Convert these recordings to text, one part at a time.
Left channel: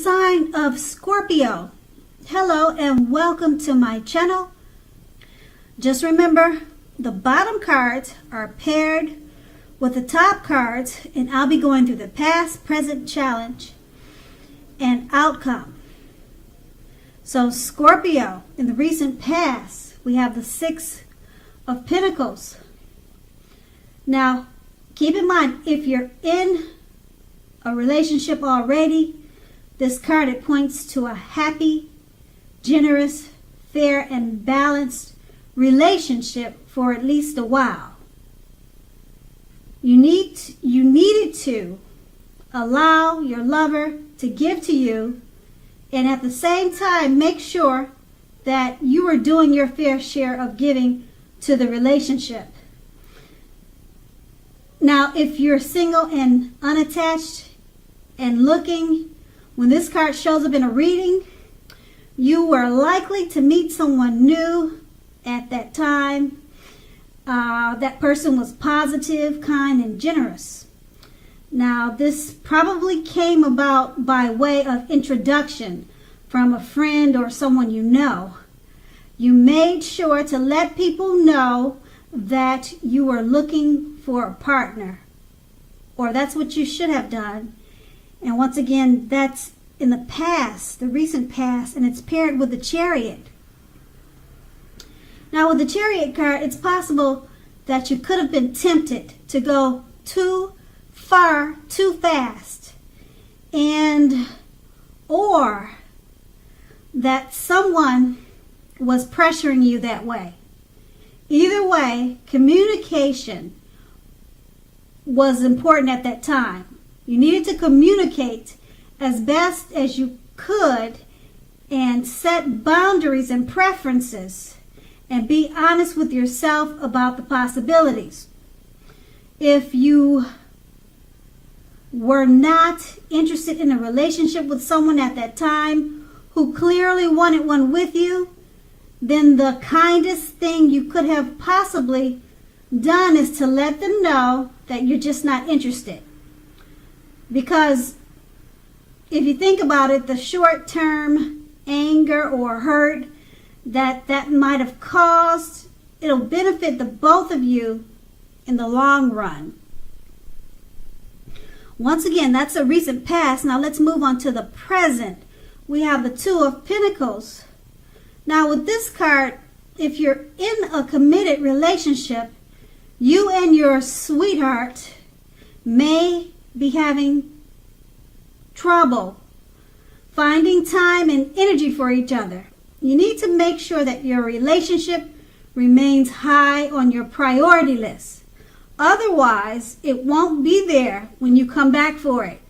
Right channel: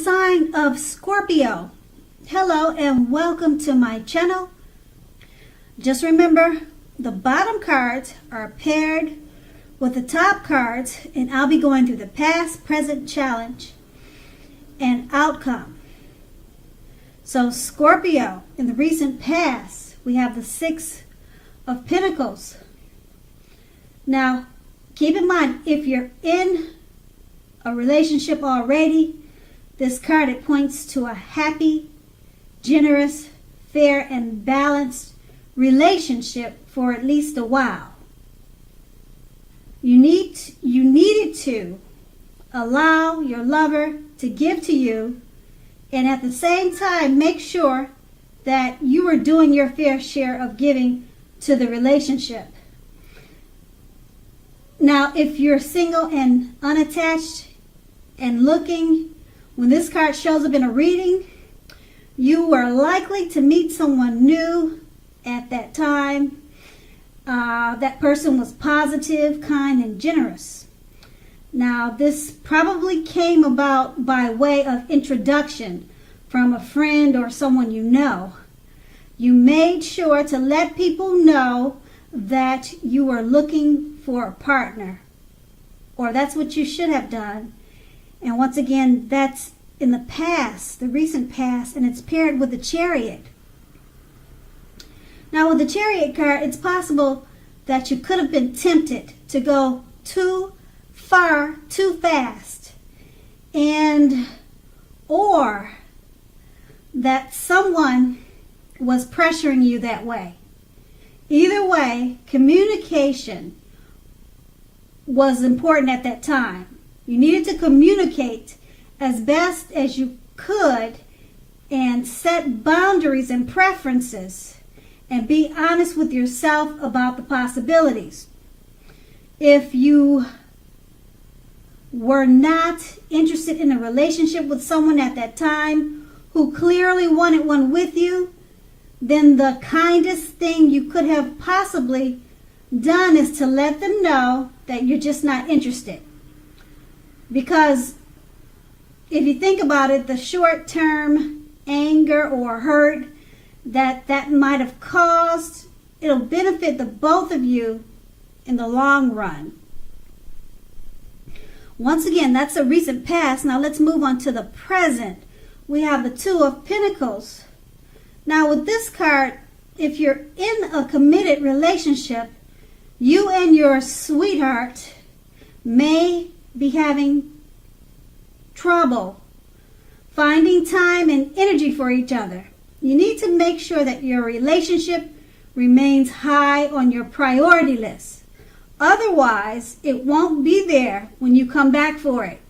sign of Scorpio. Hello and welcome to my channel. Just remember, the bottom cards are paired with the top cards, and I'll be going through the past, present, challenge, and outcome. So Scorpio, in the recent past, we have the Six of Pentacles. Now, keep in mind, if you're in a relationship already, this card, it points to a happy, generous, fair, and balanced relationship for at least a while. You needed to allow your lover to give to you, and at the same time make sure that you are doing your fair share of giving to the relationship. Now, if you're single and unattached and looking, when this card shows up in a reading, you were likely to meet someone new at that time. That person was positive, kind, and generous. Now, this probably came about by way of introduction from a friend or someone you know. You made sure to let people know that you were looking for a partner, or that's what you should have done. And once again, that's in the past, the recent past, and it's paired with the Chariot. Now, with the Chariot card, it's possible that you could have been tempted to go too far, too fast, or that someone was pressuring you that way. Either way, communication was important at that time. You needed to communicate as best as you could and set boundaries and preferences and be honest with yourself about the possibilities. If you were not interested in a relationship with someone at that time who clearly wanted one with you, then the kindest thing you could have possibly done is to let them know that you're just not interested. Because if you think about it, the short-term anger or hurt that might have caused, it'll benefit the both of you in the long run. Once again, that's a recent past. Now let's move on to the present. We have the Two of Pentacles. Now with this card, if you're in a committed relationship, you and your sweetheart may be having trouble finding time and energy for each other. You need to make sure that your relationship remains high on your priority list. Otherwise, it won't be there when you come back for it.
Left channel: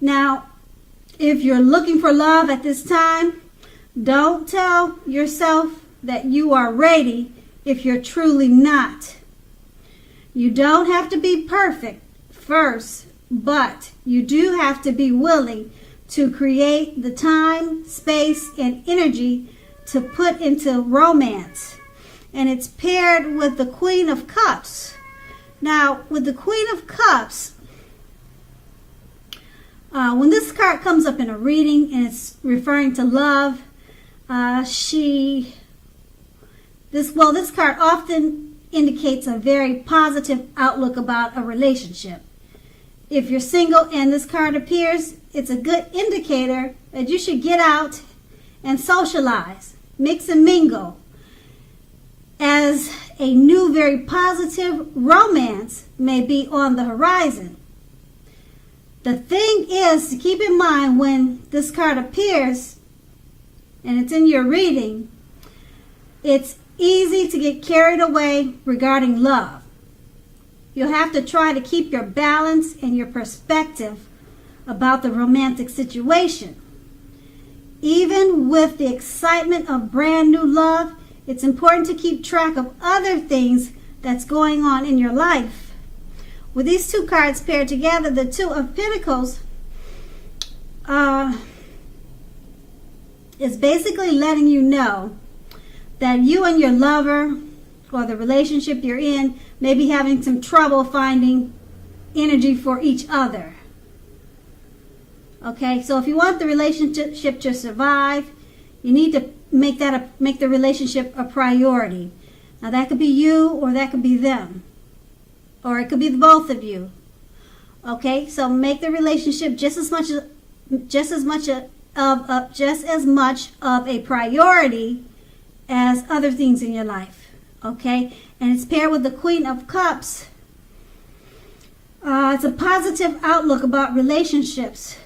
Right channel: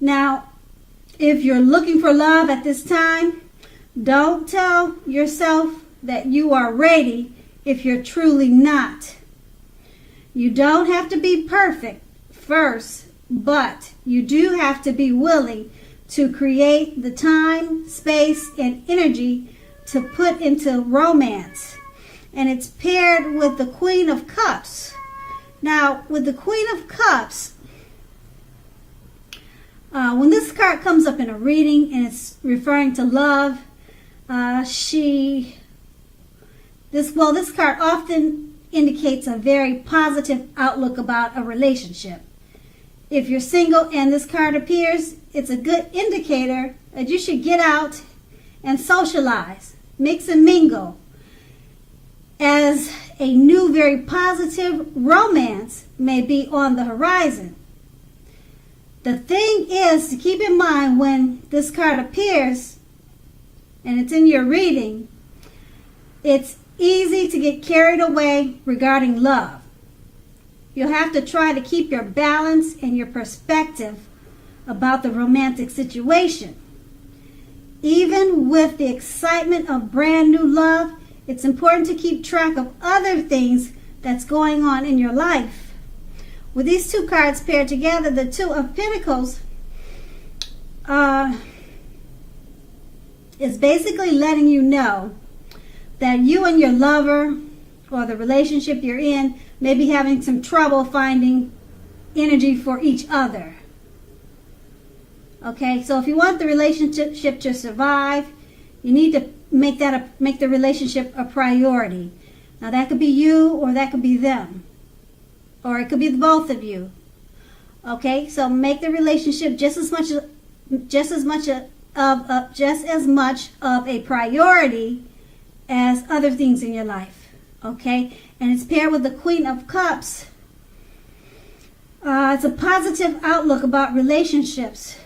Now, if you're looking for love at this time, don't tell yourself that you are ready if you're truly not. You don't have to be perfect first, but you do have to be willing to create the time, space, and energy to put into romance. And it's paired with the Queen of Cups. Now, with the Queen of Cups, when this card comes up in a reading and it's referring to love, this card often indicates a very positive outlook about a relationship. If you're single and this card appears, it's a good indicator that you should get out and socialize, mix and mingle, as a new, very positive romance may be on the horizon. The thing is to keep in mind when this card appears and it's in your reading, it's easy to get carried away regarding love. You'll have to try to keep your balance and your perspective about the romantic situation. Even with the excitement of brand new love, it's important to keep track of other things that's going on in your life. With these two cards paired together, the Two of Pentacles is basically letting you know that you and your lover or the relationship you're in may be having some trouble finding energy for each other. Okay, so if you want the relationship to survive, you need to make the relationship a priority. Now that could be you, or that could be them, or it could be the both of you. Okay, so make the relationship just as much of a priority as other things in your life. Okay, and it's paired with the Queen of Cups. It's a positive outlook about relationships.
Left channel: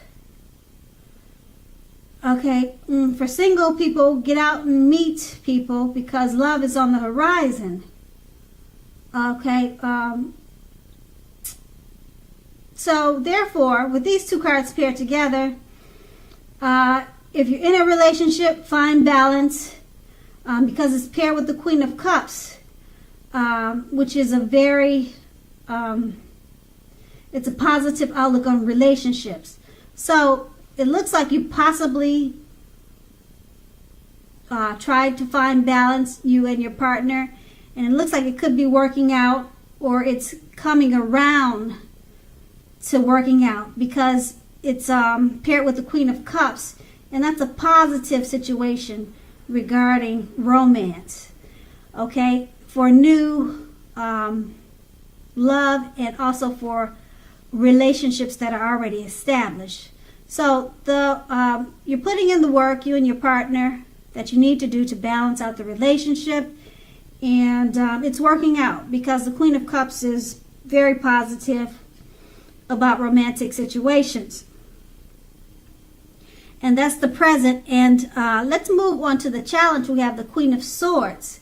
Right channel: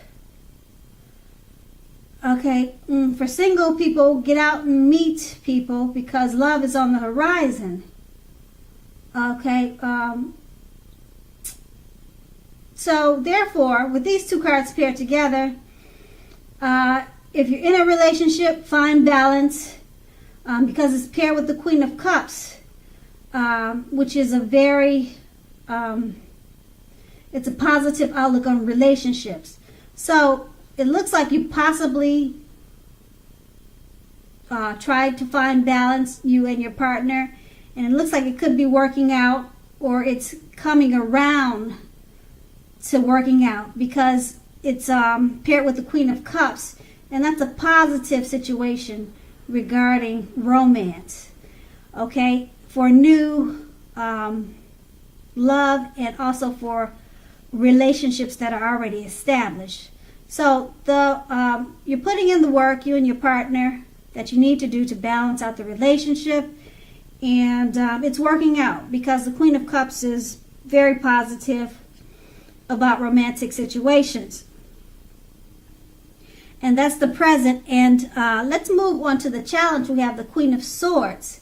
Okay, for single people, get out and meet people because love is on the horizon. Okay, so therefore, with these two cards paired together, if you're in a relationship, find balance because it's paired with the Queen of Cups, which is a very, it's a positive outlook on relationships. So it looks like you possibly tried to find balance, you and your partner, and it looks like it could be working out, or it's coming around to working out because it's paired with the Queen of Cups, and that's a positive situation regarding romance. Okay, for new love and also for relationships that are already established. So you're putting in the work, you and your partner, that you need to do to balance out the relationship, and it's working out because the Queen of Cups is very positive about romantic situations. And that's the present. And let's move on to the challenge. We have the Queen of Swords.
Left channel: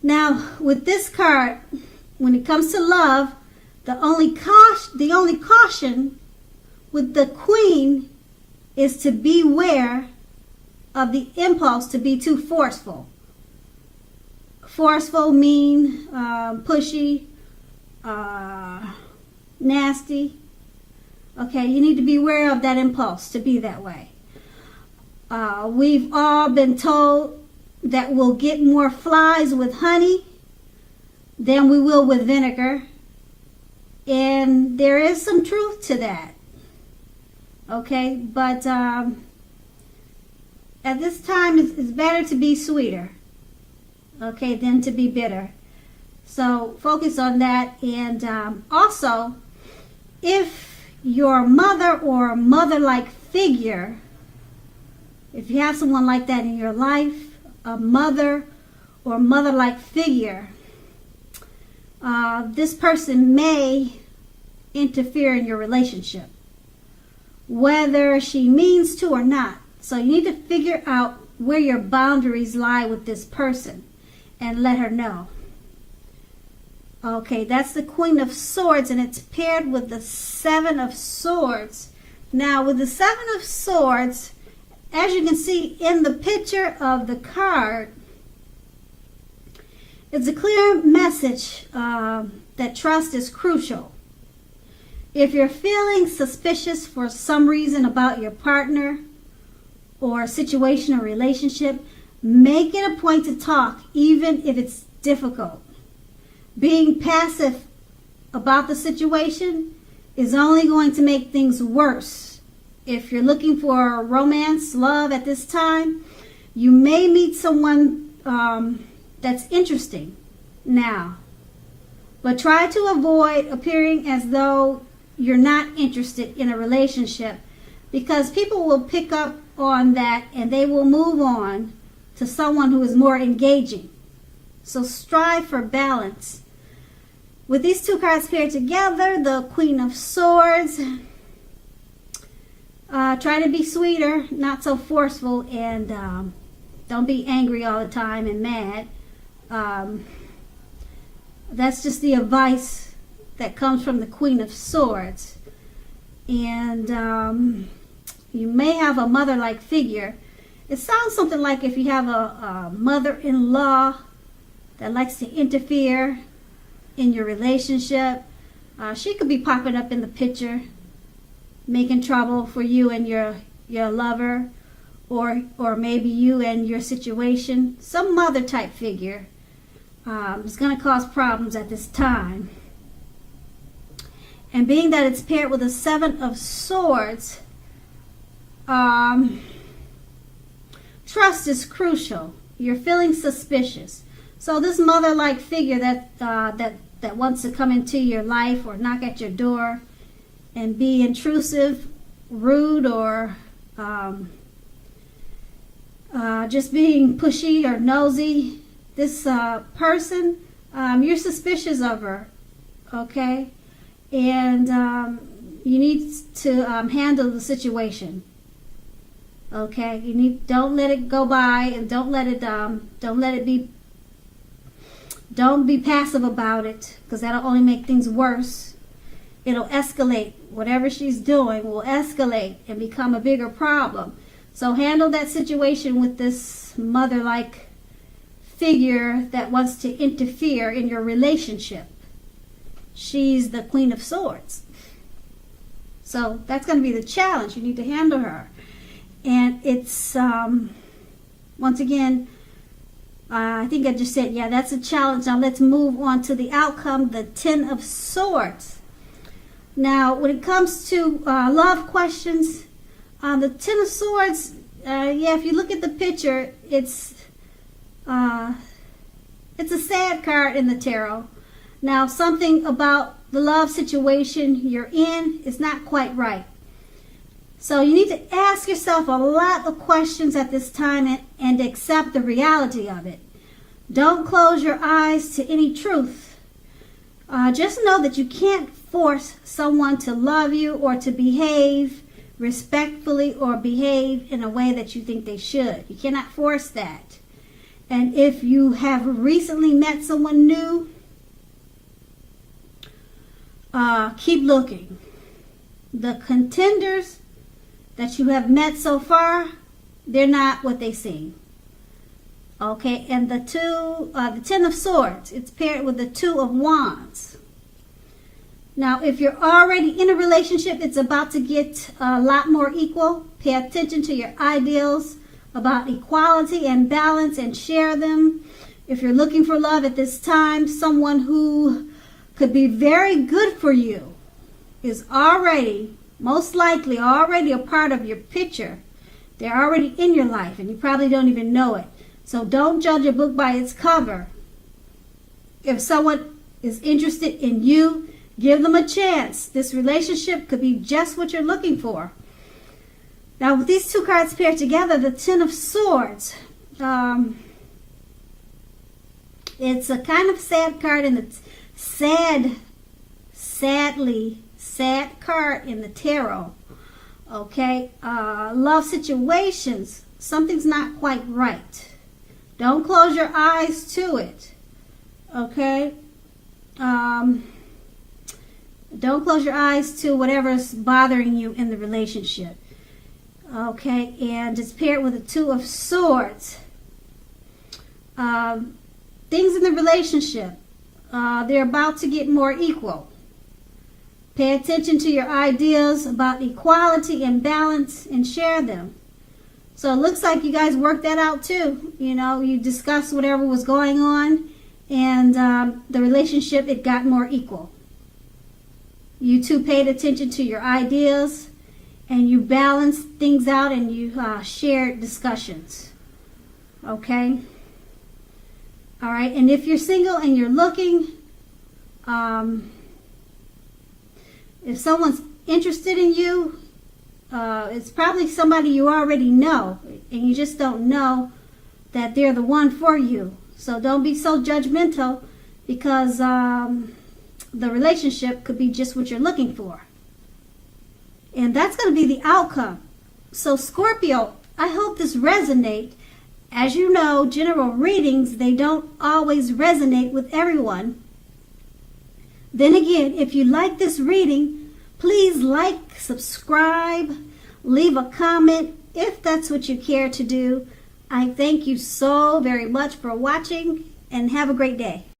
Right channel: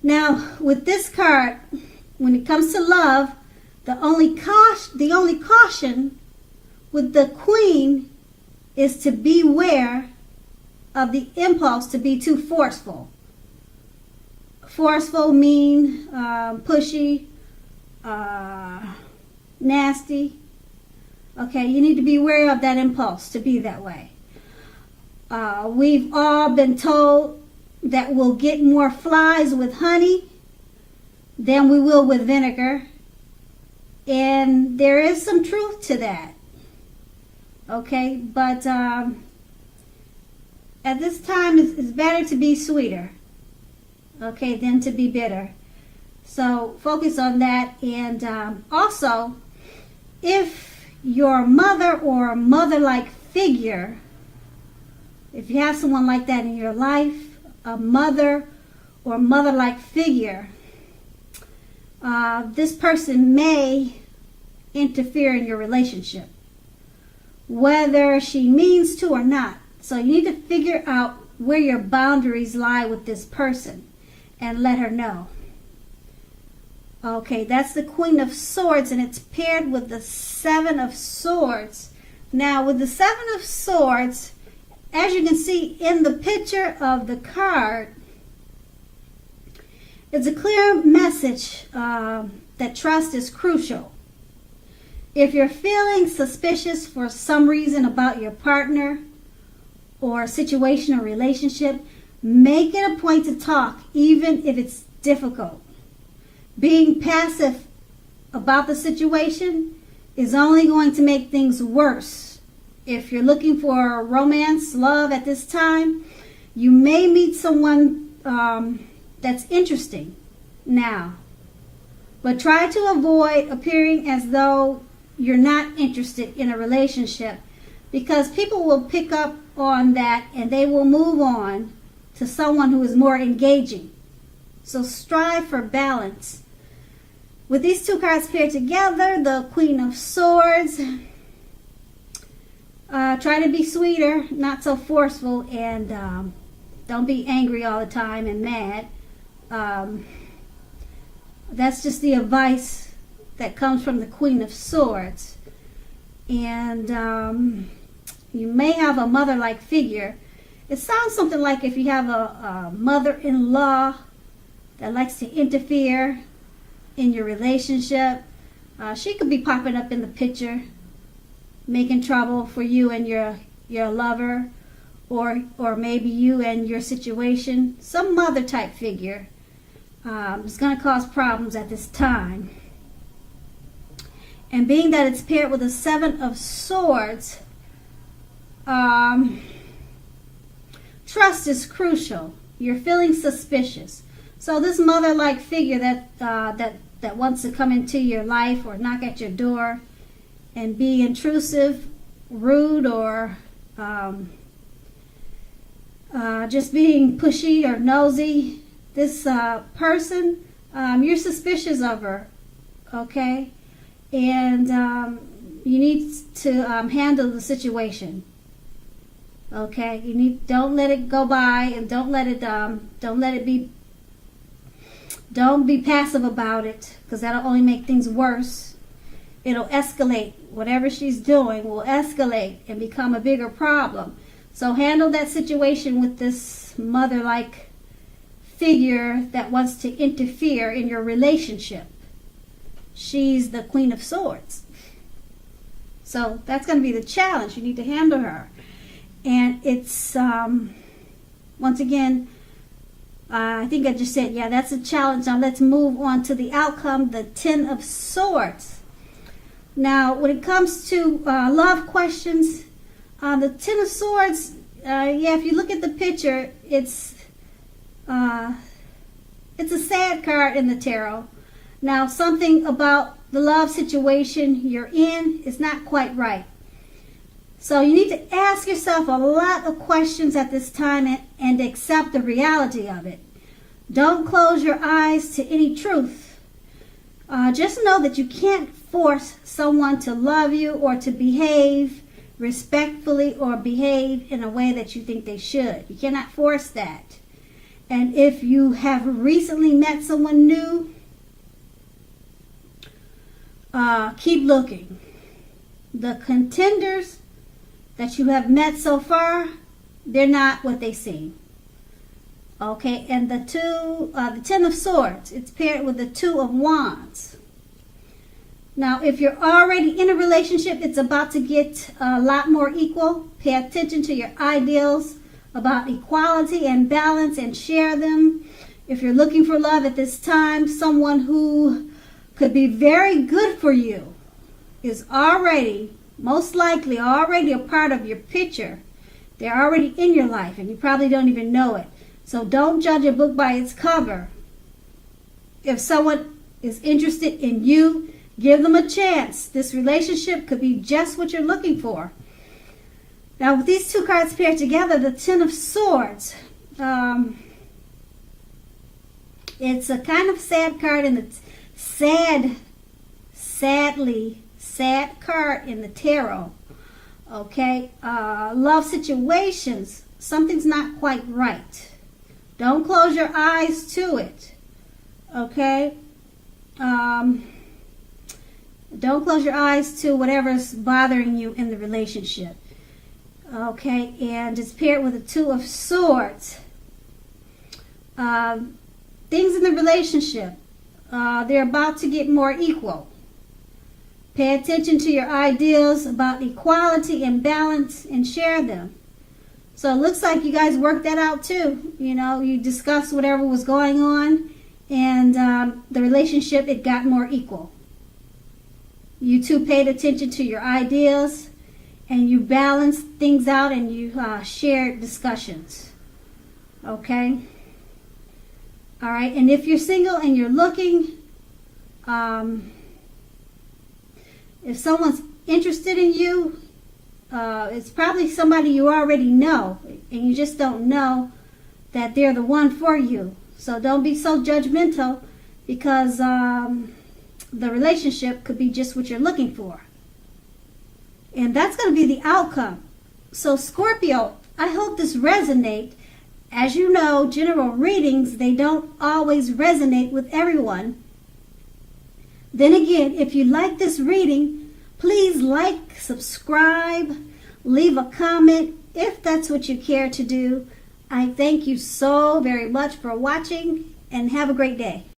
Now, with this card, when it comes to love, the only caution with the Queen is to beware of the impulse to be too forceful. Forceful, mean, pushy, nasty. Okay, you need to be aware of that impulse to be that way. We've all been told that we'll get more flies with honey than we will with vinegar. And there is some truth to that. Okay, but at this time, it's better to be sweeter, okay, than to be bitter. So focus on that. And also, if your mother or mother-like figure, if you have someone like that in your life, a mother or mother-like figure, this person may interfere in your relationship, whether she means to or not. So you need to figure out where your boundaries lie with this person and let her know. Okay, that's the Queen of Swords, and it's paired with the Seven of Swords. Now, with the Seven of Swords, as you can see in the picture of the card, it's a clear message that trust is crucial. If you're feeling suspicious for some reason about your partner or situation or relationship, make it a point to talk, even if it's difficult. Being passive about the situation is only going to make things worse. If you're looking for romance, love at this time, you may meet someone that's interesting now. But try to avoid appearing as though you're not interested in a relationship, because people will pick up on that and they will move on to someone who is more engaging. So strive for balance. With these two cards paired together, the Queen of Swords, try to be sweeter, not so forceful, and don't be angry all the time and mad. That's just the advice that comes from the Queen of Swords. And you may have a mother-like figure. It sounds something like if you have a mother-in-law that likes to interfere in your relationship. She could be popping up in the picture, making trouble for you and your lover, or maybe you and your situation. Some mother type figure is going to cause problems at this time. And being that it's paired with a Seven of Swords, Trust is crucial. You're feeling suspicious. So this mother-like figure that wants to come into your life or knock at your door and be intrusive, rude, or just being pushy or nosy, this person, you're suspicious of her, okay? And you need to handle the situation, okay? Don't let it go by, and don't be passive about it, because that'll only make things worse. It'll escalate. Whatever she's doing will escalate and become a bigger problem. So handle that situation with this mother-like figure that wants to interfere in your relationship. She's the Queen of Swords. So that's going to be the challenge. You need to handle her. And it's, once again, I think I just said, yeah, that's a challenge. Now let's move on to the outcome, the Ten of Swords. Now, when it comes to love questions, the Ten of Swords, yeah, if you look at the picture, it's a sad card in the tarot. Now, something about the love situation you're in is not quite right. So you need to ask yourself a lot of questions at this time and accept the reality of it. Don't close your eyes to any truth. Just know that you can't force someone to love you or to behave respectfully or behave in a way that you think they should. You cannot force that. And if you have recently met someone new, keep looking. The contenders that you have met so far, they're not what they seem. Okay, and the Ten of Swords, it's paired with the Two of Wands. Now, if you're already in a relationship, it's about to get a lot more equal. Pay attention to your ideals about equality and balance and share them. If you're looking for love at this time, someone who could be very good for you is already, most likely, already a part of your picture. They're already in your life, and you probably don't even know it. So don't judge a book by its cover. If someone is interested in you, give them a chance. This relationship could be just what you're looking for. Now, with these two cards paired together, the Ten of Swords, it's a kind of sad card in the sad card in the tarot. Okay, love situations, something's not quite right. Don't close your eyes to it. Okay. Don't close your eyes to whatever's bothering you in the relationship. Okay, and it's paired with the Two of Swords. Things in the relationship, they're about to get more equal. Pay attention to your ideas about equality and balance and share them. So it looks like you guys worked that out too. You know, you discussed whatever was going on, and the relationship, it got more equal. You two paid attention to your ideas, and you balanced things out, and you shared discussions. Okay? All right, and if you're single and you're looking, if someone's interested in you, it's probably somebody you already know, and you just don't know that they're the one for you. So don't be so judgmental, because the relationship could be just what you're looking for. And that's going to be the outcome. So Scorpio, I hope this resonates. As you know, general readings, they don't always resonate with everyone. Then again, if you like this reading, please like, subscribe, leave a comment if that's what you care to do. I thank you so very much for watching, and have a great day.